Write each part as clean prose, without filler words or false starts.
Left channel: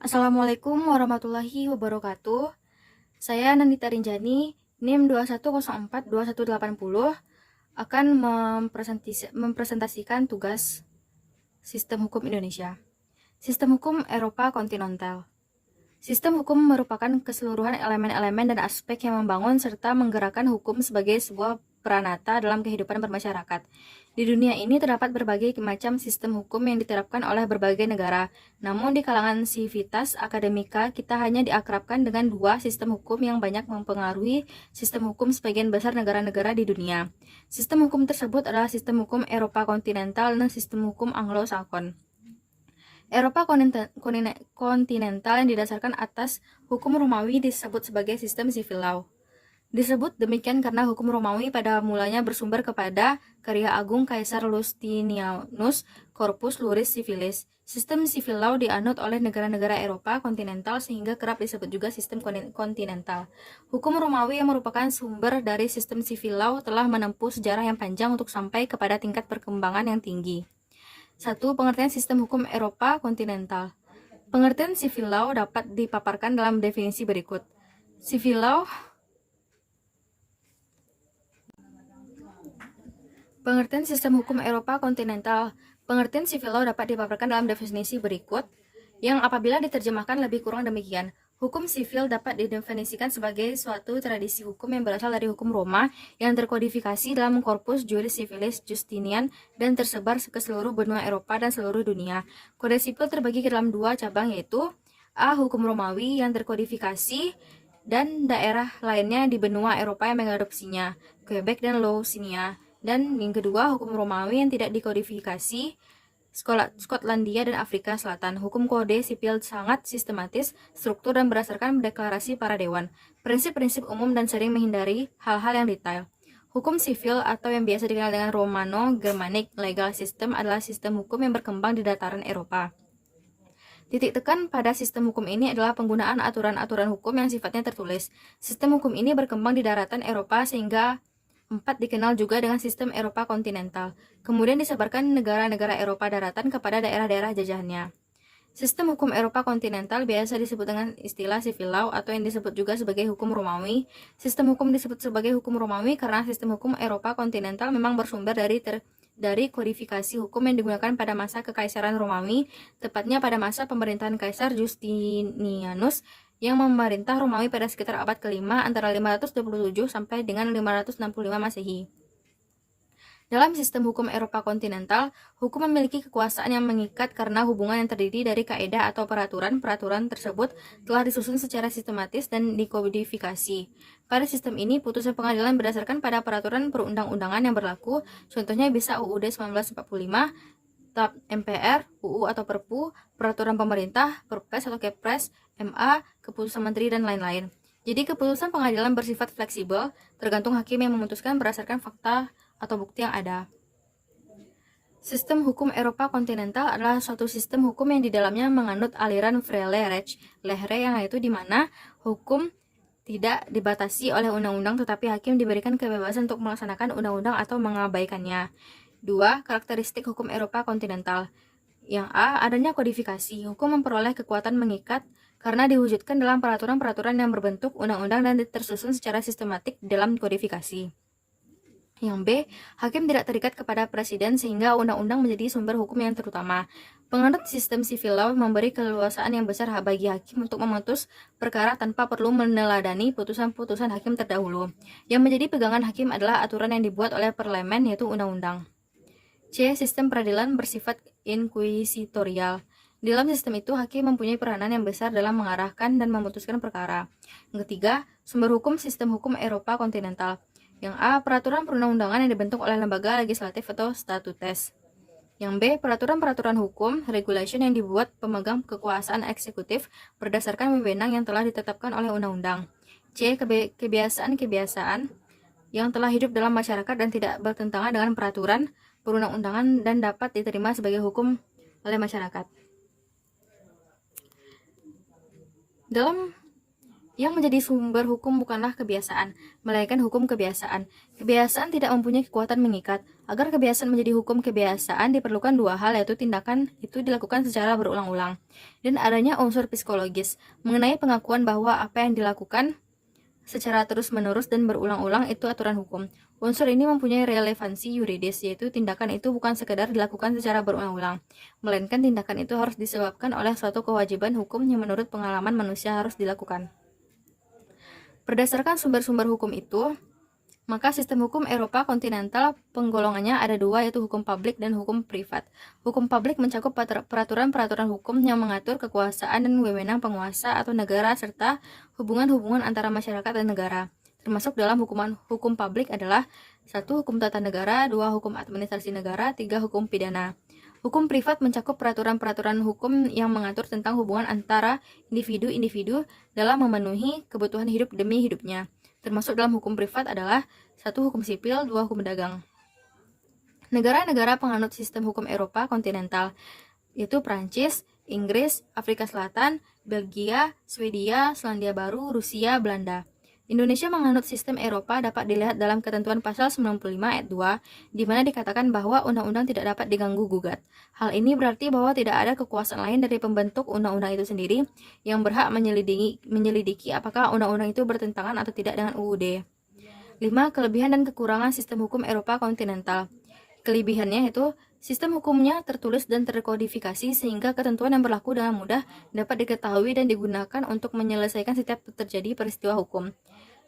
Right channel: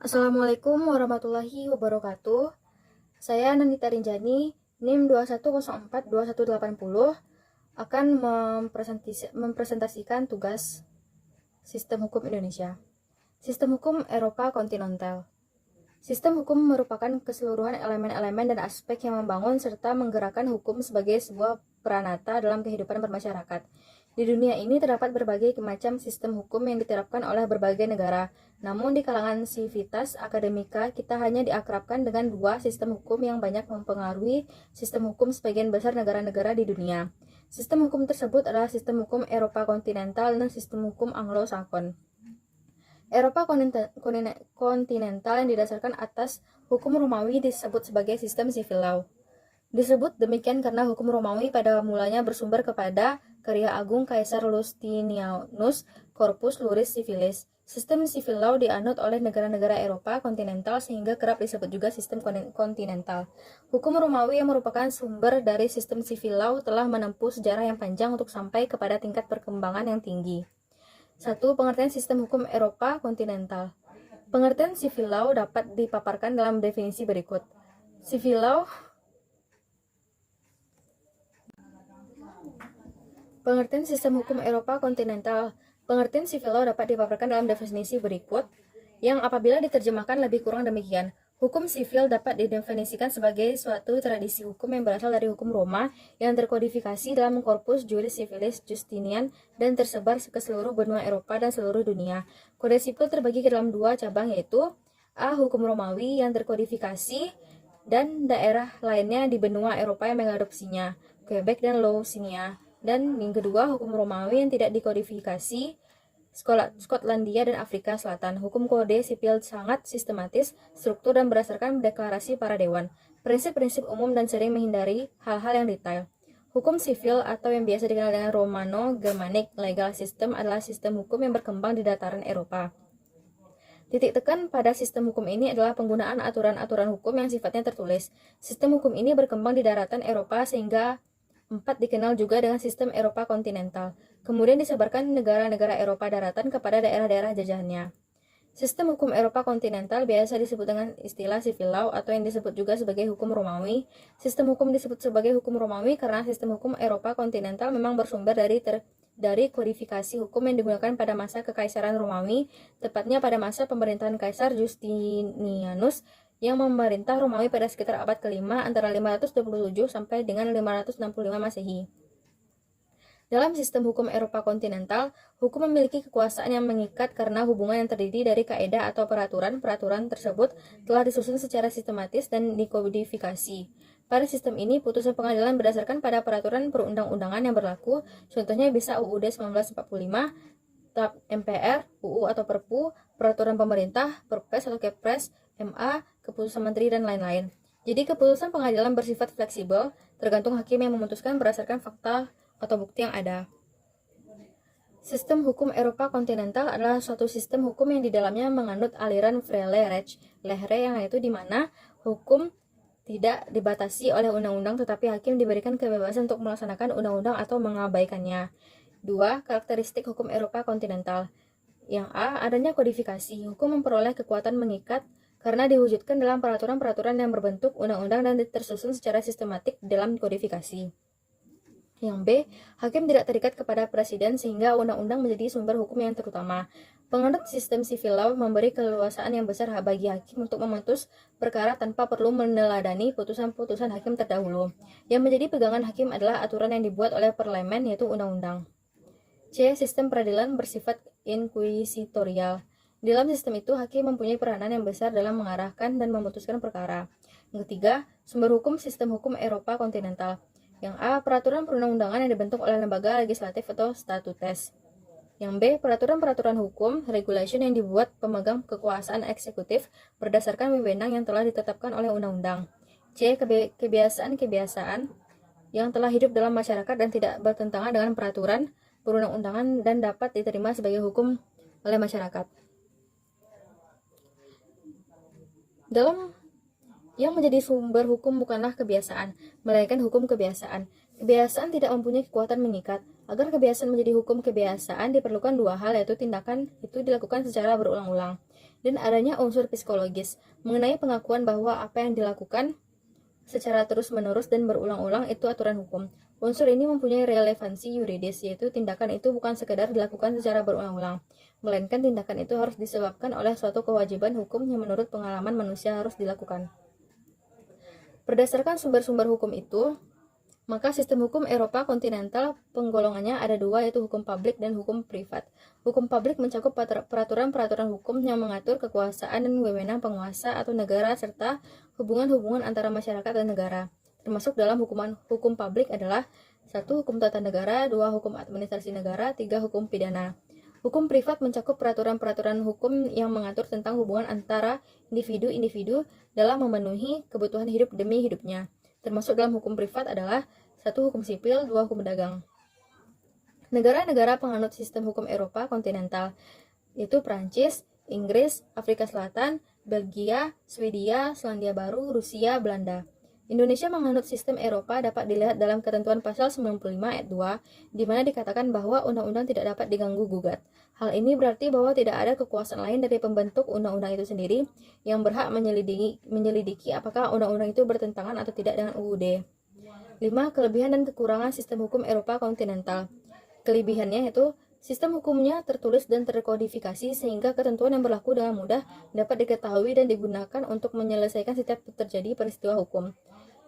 Assalamualaikum warahmatullahi wabarakatuh. Saya Nanita Rinjani, NIM 21042180 akan mempresentasikan tugas Sistem Hukum Indonesia. Sistem Hukum Eropa Kontinental. Sistem hukum merupakan keseluruhan elemen-elemen dan aspek yang membangun serta menggerakkan hukum sebagai sebuah peranata dalam kehidupan bermasyarakat. Di dunia ini terdapat berbagai macam sistem hukum yang diterapkan oleh berbagai negara. Namun di kalangan sivitas akademika, kita hanya diakrabkan dengan dua sistem hukum yang banyak mempengaruhi sistem hukum sebagian besar negara-negara di dunia. Sistem hukum tersebut adalah sistem hukum Eropa kontinental dan sistem hukum Anglo-Saxon. Eropa kontinental yang didasarkan atas hukum Romawi disebut sebagai sistem civil law. Disebut demikian karena hukum Romawi pada mulanya bersumber kepada karya agung Kaisar Lustinus Corpus Juris Civilis. Sistem civil law dianut oleh negara-negara Eropa kontinental sehingga kerap disebut juga sistem kontinental. Hukum Romawi yang merupakan sumber dari sistem civil law telah menempuh sejarah yang panjang untuk sampai kepada tingkat perkembangan yang tinggi. 1. Pengertian sistem hukum Eropa kontinental. Pengertian civil law dapat dipaparkan dalam definisi berikut. Civil law Pengertian sistem hukum Eropa kontinental. Pengertian civil law dapat dipaparkan dalam definisi berikut, yang apabila diterjemahkan lebih kurang demikian. Hukum sivil dapat didefinisikan sebagai suatu tradisi hukum yang berasal dari hukum Roma yang terkodifikasi dalam Corpus Juris Civilis Justinian dan tersebar ke seluruh benua Eropa dan seluruh dunia. Kode sipil terbagi ke dalam dua cabang, yaitu A. Hukum Romawi yang terkodifikasi dan daerah lainnya di benua Eropa yang mengadopsinya, Quebec dan Louisiana. Dan yang kedua, hukum Romawi yang tidak dikodifikasi, Skotlandia dan Afrika Selatan. Hukum kode sipil sangat sistematis, struktur dan berdasarkan deklarasi para dewan, prinsip-prinsip umum dan sering menghindari hal-hal yang detail. Hukum sivil atau yang biasa dikenal dengan Romano-Germanic legal system adalah sistem hukum yang berkembang di dataran Eropa. Titik tekan pada sistem hukum ini adalah penggunaan aturan-aturan hukum yang sifatnya tertulis. Sistem hukum ini berkembang di daratan Eropa sehingga 4 dikenal juga dengan sistem Eropa kontinental. Kemudian disebarkan negara-negara Eropa daratan kepada daerah-daerah jajahannya. Sistem hukum Eropa kontinental biasa disebut dengan istilah civil law atau yang disebut juga sebagai hukum Romawi. Sistem hukum disebut sebagai hukum Romawi karena sistem hukum Eropa kontinental memang bersumber dari kodifikasi hukum yang digunakan pada masa Kekaisaran Romawi, tepatnya pada masa pemerintahan Kaisar Justinianus yang memerintah Romawi pada sekitar abad ke-5 antara 527 sampai dengan 565 Masehi. Dalam sistem hukum Eropa kontinental, hukum memiliki kekuasaan yang mengikat karena hubungan yang terdiri dari kaedah atau peraturan. Peraturan tersebut telah disusun secara sistematis dan dikodifikasi. Pada sistem ini, putusan pengadilan berdasarkan pada peraturan perundang-undangan yang berlaku. Contohnya bisa UUD 1945, TAP MPR, UU atau Perpu, peraturan pemerintah, Perpres atau Kepres, MA, keputusan menteri, dan lain-lain. Jadi keputusan pengadilan bersifat fleksibel, tergantung hakim yang memutuskan berdasarkan fakta atau bukti yang ada. Sistem hukum Eropa kontinental adalah suatu sistem hukum yang di dalamnya menganut aliran vrije recht, yang yaitu di mana hukum tidak dibatasi oleh undang-undang tetapi hakim diberikan kebebasan untuk melaksanakan undang-undang atau mengabaikannya. 2. Karakteristik hukum Eropa kontinental. Yang A. Adanya kodifikasi. Hukum memperoleh kekuatan mengikat karena diwujudkan dalam peraturan-peraturan yang berbentuk undang-undang dan tersusun secara sistematik dalam kodifikasi. Yang B. Hakim tidak terikat kepada presiden sehingga undang-undang menjadi sumber hukum yang terutama. Penganut sistem civil law memberi keleluasaan yang besar bagi hakim untuk memutus perkara tanpa perlu meneladani putusan-putusan hakim terdahulu. Yang menjadi pegangan hakim adalah aturan yang dibuat oleh parlemen, yaitu undang-undang. C. Sistem peradilan bersifat inkuisitorial. Di dalam sistem itu, hakim mempunyai peranan yang besar dalam mengarahkan dan memutuskan perkara. Yang ketiga, sumber hukum sistem hukum Eropa kontinental. Yang A. Peraturan perundang-undangan yang dibentuk oleh lembaga legislatif atau statutes. Yang B. Peraturan-peraturan hukum, regulation yang dibuat pemegang kekuasaan eksekutif berdasarkan wewenang yang telah ditetapkan oleh undang-undang. C. Kebiasaan-kebiasaan yang telah hidup dalam masyarakat dan tidak bertentangan dengan peraturan perundang-undangan dan dapat diterima sebagai hukum oleh masyarakat. Dalam yang menjadi sumber hukum bukanlah kebiasaan, melainkan hukum kebiasaan. Kebiasaan tidak mempunyai kekuatan mengikat. Agar kebiasaan menjadi hukum kebiasaan diperlukan dua hal, yaitu tindakan itu dilakukan secara berulang-ulang. dan adanya unsur psikologis mengenai pengakuan bahwa apa yang dilakukan secara terus-menerus dan berulang-ulang itu aturan hukum. Unsur ini mempunyai relevansi yuridis, yaitu tindakan itu bukan sekedar dilakukan secara berulang-ulang, melainkan tindakan itu harus disebabkan oleh suatu kewajiban hukum yang menurut pengalaman manusia harus dilakukan. Berdasarkan sumber-sumber hukum itu, maka sistem hukum Eropa kontinental penggolongannya ada dua, yaitu hukum publik dan hukum privat. Hukum publik mencakup peraturan-peraturan hukum yang mengatur kekuasaan dan wewenang penguasa atau negara serta hubungan-hubungan antara masyarakat dan negara. Termasuk dalam hukum publik adalah 1. Hukum tata negara, 2. Hukum administrasi negara, 3. Hukum pidana. Hukum privat mencakup peraturan-peraturan hukum yang mengatur tentang hubungan antara individu-individu dalam memenuhi kebutuhan hidup demi hidupnya. Termasuk dalam hukum privat adalah 1. Hukum sipil, 2. Hukum dagang. Negara-negara penganut sistem hukum Eropa kontinental yaitu Prancis, Inggris, Afrika Selatan, Belgia, Swedia, Selandia Baru, Rusia, Belanda. Indonesia menganut sistem Eropa dapat dilihat dalam ketentuan pasal 95 ayat 2, di mana dikatakan bahwa undang-undang tidak dapat diganggu-gugat. Hal ini berarti bahwa tidak ada kekuasaan lain dari pembentuk undang-undang itu sendiri yang berhak menyelidiki apakah undang-undang itu bertentangan atau tidak dengan UUD. 5. Kelebihan dan kekurangan sistem hukum Eropa kontinental. Kelebihannya yaitu sistem hukumnya tertulis dan terkodifikasi sehingga ketentuan yang berlaku dengan mudah dapat diketahui dan digunakan untuk menyelesaikan setiap terjadi peristiwa hukum.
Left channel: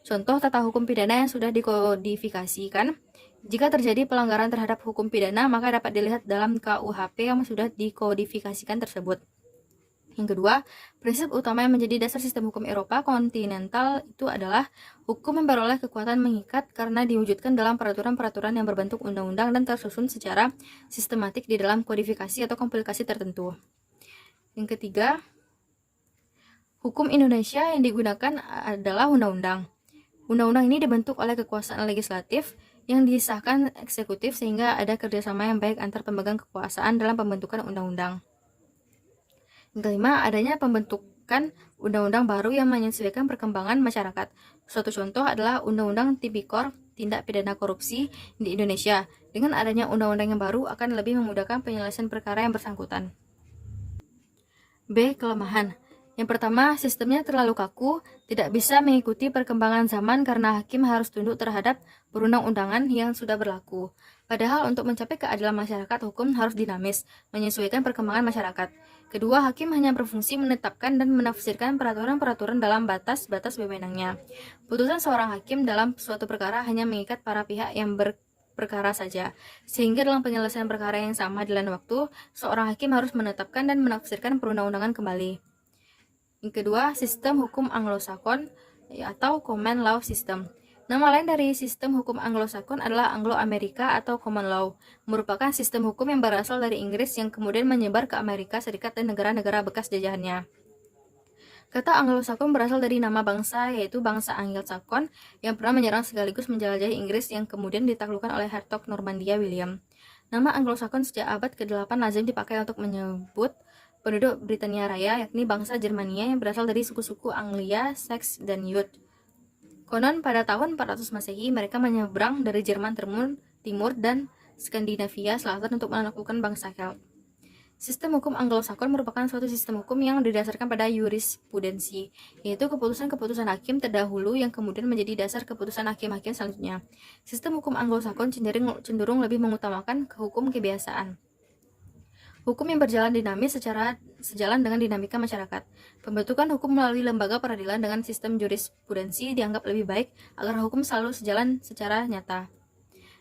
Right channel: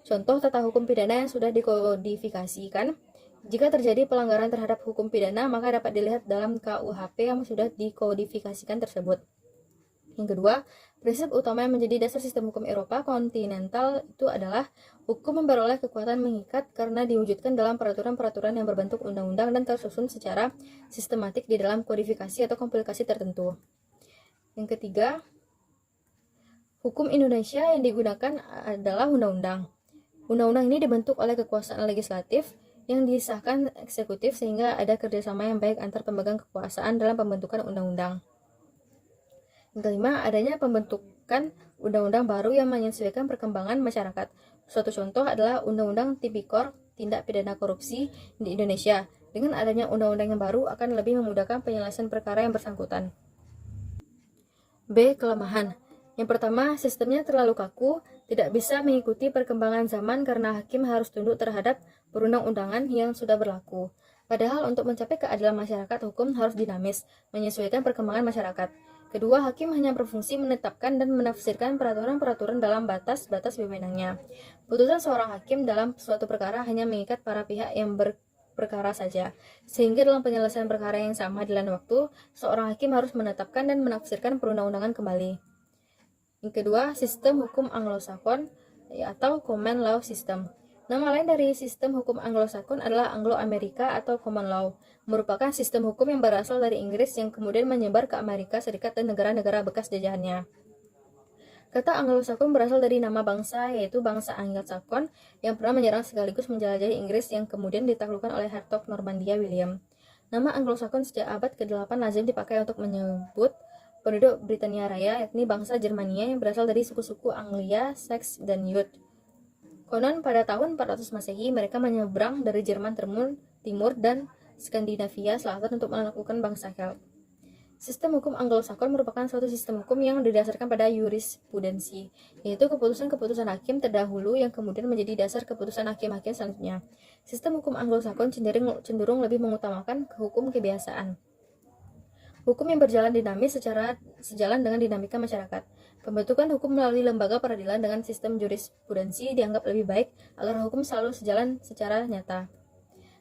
Contoh tata hukum pidana yang sudah dikodifikasikan. Jika terjadi pelanggaran terhadap hukum pidana, maka dapat dilihat dalam KUHP yang sudah dikodifikasikan tersebut. Yang kedua, prinsip utama yang menjadi dasar sistem hukum Eropa kontinental itu adalah hukum yang beroleh kekuatan mengikat karena diwujudkan dalam peraturan-peraturan yang berbentuk undang-undang dan tersusun secara sistematik di dalam kodifikasi atau komplikasi tertentu. Yang ketiga, hukum Indonesia yang digunakan adalah undang-undang. Undang-undang ini dibentuk oleh kekuasaan legislatif yang disahkan eksekutif sehingga ada kerjasama yang baik antar pemegang kekuasaan dalam pembentukan undang-undang. Yang kelima, adanya pembentukan undang-undang baru yang menyesuaikan perkembangan masyarakat. Suatu contoh adalah Undang-Undang Tipikor Tindak Pidana Korupsi di Indonesia. Dengan adanya undang-undang yang baru akan lebih memudahkan penyelesaian perkara yang bersangkutan. B. Kelemahan. Yang pertama, sistemnya terlalu kaku, tidak bisa mengikuti perkembangan zaman karena hakim harus tunduk terhadap perundang-undangan yang sudah berlaku. Padahal untuk mencapai keadilan masyarakat, hukum harus dinamis, menyesuaikan perkembangan masyarakat. Kedua, hakim hanya berfungsi menetapkan dan menafsirkan peraturan-peraturan dalam batas-batas wewenangnya. Putusan seorang hakim dalam suatu perkara hanya mengikat para pihak yang berperkara saja, sehingga dalam penyelesaian perkara yang sama di lain waktu, seorang hakim harus menetapkan dan menafsirkan perundang-undangan kembali. Yang kedua, sistem hukum Anglo-Sakon atau Common Law System. Nama lain dari sistem hukum Anglo-Sakon adalah Anglo-Amerika atau Common Law, merupakan sistem hukum yang berasal dari Inggris yang kemudian menyebar ke Amerika Serikat dan negara-negara bekas jajahannya. Kata Anglo-Sakon berasal dari nama bangsa, yaitu bangsa Anglo-Sakon yang pernah menyerang sekaligus menjelajahi Inggris yang kemudian ditaklukkan oleh Hertog Normandia William. Nama Anglo-Sakon sejak abad ke-8 lazim dipakai untuk menyebut penduduk Britania Raya, yakni bangsa Jermania yang berasal dari suku-suku Anglia, Sax, dan Jute. Konon pada tahun 400 Masehi mereka menyeberang dari Jerman Timur dan Skandinavia Selatan untuk menaklukkan bangsa Celt. Sistem hukum Anglo-Sakon merupakan suatu sistem hukum yang didasarkan pada jurisprudensi, yaitu keputusan-keputusan hakim terdahulu yang kemudian menjadi dasar keputusan hakim-hakim selanjutnya. Sistem hukum Anglo-Sakon cenderung lebih mengutamakan hukum kebiasaan. Hukum yang berjalan dinamis sejalan dengan dinamika masyarakat. Pembentukan hukum melalui lembaga peradilan dengan sistem jurisprudensi dianggap lebih baik agar hukum selalu sejalan secara nyata.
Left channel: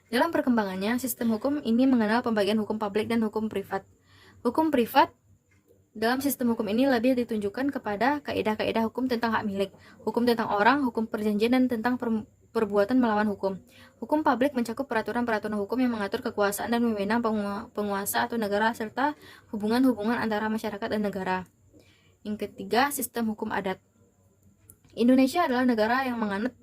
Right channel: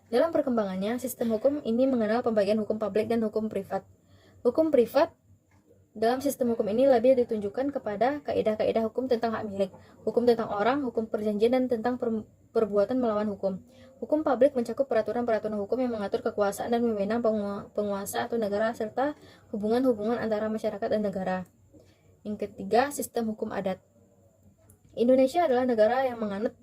Dalam perkembangannya, sistem hukum ini mengenal pembagian hukum publik dan hukum privat. Hukum privat dalam sistem hukum ini lebih ditunjukkan kepada kaidah-kaidah hukum tentang hak milik, hukum tentang orang, hukum perjanjian, dan tentang perbuatan melawan hukum. Hukum publik mencakup peraturan-peraturan hukum yang mengatur kekuasaan dan wewenang penguasa atau negara serta hubungan-hubungan antara masyarakat dan negara. Yang ketiga, sistem hukum adat. Indonesia adalah negara yang menganut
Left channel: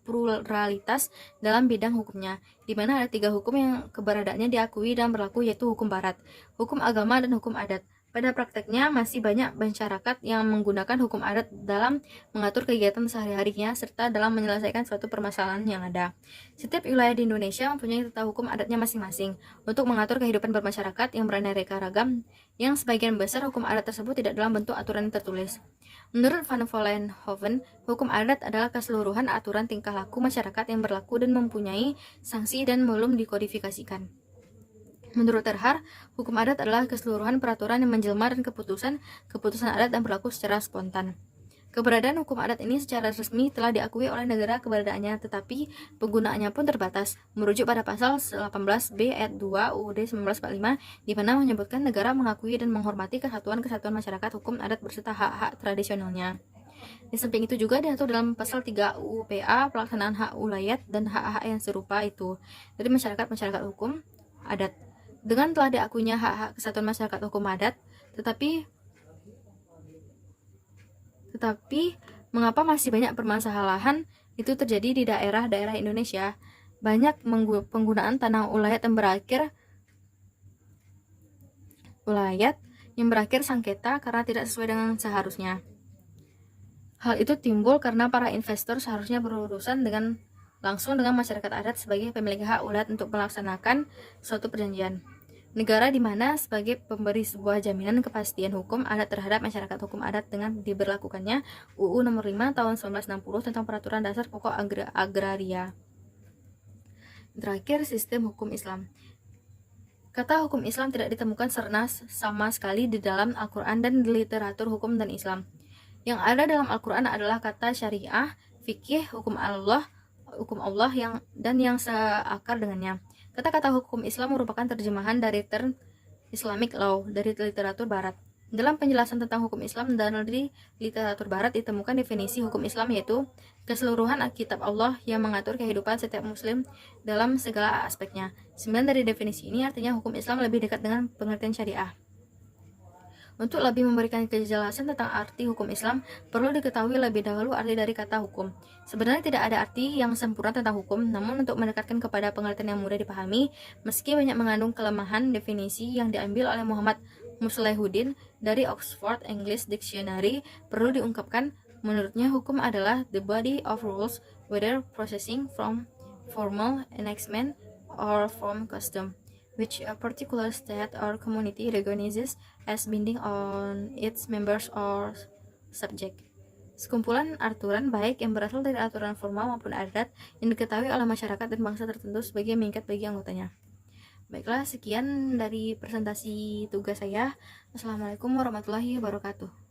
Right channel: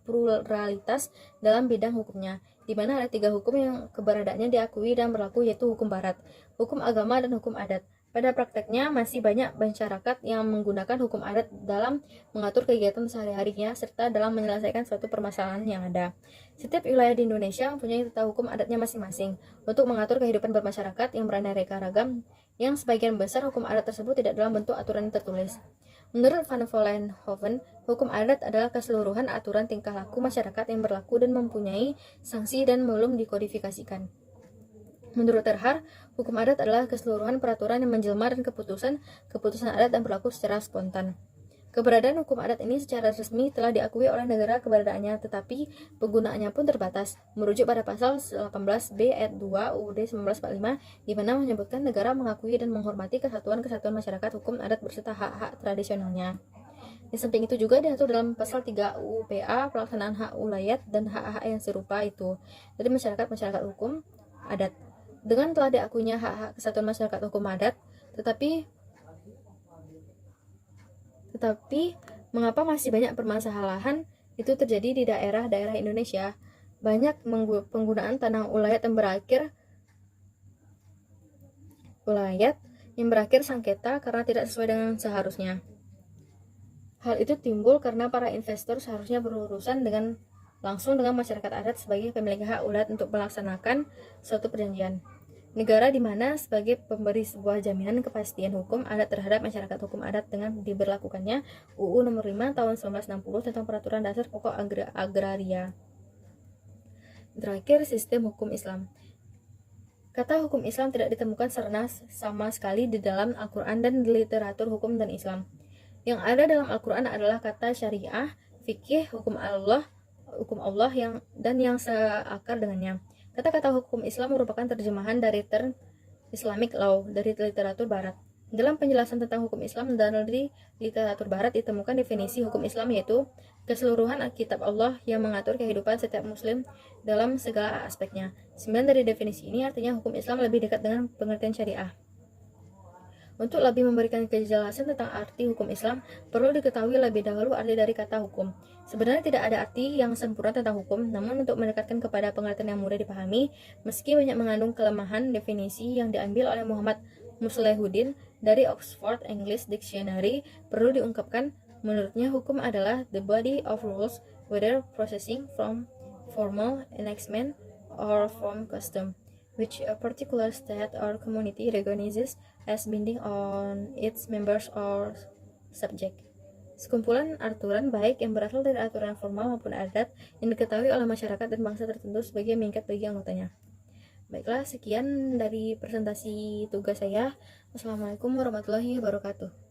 pluralitas dalam bidang hukumnya, di mana ada 3 hukum yang keberadaannya diakui dan berlaku, yaitu hukum barat, hukum agama, dan hukum adat. Pada prakteknya, masih banyak masyarakat yang menggunakan hukum adat dalam mengatur kegiatan sehari-harinya serta dalam menyelesaikan suatu permasalahan yang ada. Setiap wilayah di Indonesia mempunyai tata hukum adatnya masing-masing untuk mengatur kehidupan bermasyarakat yang beraneka ragam yang sebagian besar hukum adat tersebut tidak dalam bentuk aturan tertulis. Menurut Van Vollenhoven, hukum adat adalah keseluruhan aturan tingkah laku masyarakat yang berlaku dan mempunyai sanksi dan belum dikodifikasikan. Menurut Terhar, hukum adat adalah keseluruhan peraturan yang menjelma dan keputusan adat yang berlaku secara spontan. Keberadaan hukum adat ini secara resmi telah diakui oleh negara keberadaannya, tetapi penggunaannya pun terbatas. Merujuk pada pasal 18B ayat 2 UUD 1945, di mana menyebutkan negara mengakui dan menghormati kesatuan-kesatuan masyarakat hukum adat berserta hak-hak tradisionalnya. Di samping itu juga diatur dalam pasal 3 UU PA pelaksanaan hak ulayat dan hak-hak yang serupa itu dari masyarakat hukum adat. Dengan telah diakuinya hak-hak kesatuan masyarakat hukum adat, tetapi mengapa masih banyak permasalahan itu terjadi di daerah-daerah Indonesia? Banyak penggunaan tanah ulayat yang berakhir sengketa karena tidak sesuai dengan seharusnya. Hal itu timbul karena para investor seharusnya berurusan langsung dengan masyarakat adat sebagai pemilik hak ulayat untuk melaksanakan suatu perjanjian. Negara di mana sebagai pemberi sebuah jaminan kepastian hukum adat terhadap masyarakat hukum adat dengan diberlakukannya UU Nomor 5 Tahun 1960 tentang Peraturan Dasar Pokok Agraria. Terakhir, sistem hukum Islam. Kata hukum Islam tidak ditemukan sama sekali di dalam Al-Quran dan di literatur hukum dan Islam. Yang ada dalam Al-Quran adalah kata syariah, fikih, hukum Allah yang seakar dengannya. Kata-kata hukum Islam merupakan terjemahan dari term Islamic law dari literatur barat. Dalam penjelasan tentang hukum Islam dan dari literatur barat ditemukan definisi hukum Islam, yaitu keseluruhan kitab Allah yang mengatur kehidupan setiap muslim dalam segala aspeknya. 9 dari definisi ini artinya hukum Islam lebih dekat dengan pengertian syariah. Untuk lebih memberikan kejelasan tentang arti hukum Islam, perlu diketahui lebih dahulu arti dari kata hukum. Sebenarnya tidak ada arti yang sempurna tentang hukum, namun untuk mendekatkan kepada pengertian yang mudah dipahami, meski banyak mengandung kelemahan, definisi yang diambil oleh Muhammad Muslihuddin dari Oxford English Dictionary perlu diungkapkan. Menurutnya, hukum adalah the body of rules, whether processing from formal enactment or from custom, which a particular state or community recognizes as binding on its members or subject. Sekumpulan aturan baik yang berasal dari aturan formal maupun adat yang diketahui oleh masyarakat dan bangsa tertentu sebagai mengikat bagi anggotanya. Baiklah, sekian dari presentasi tugas saya. Assalamualaikum warahmatullahi wabarakatuh.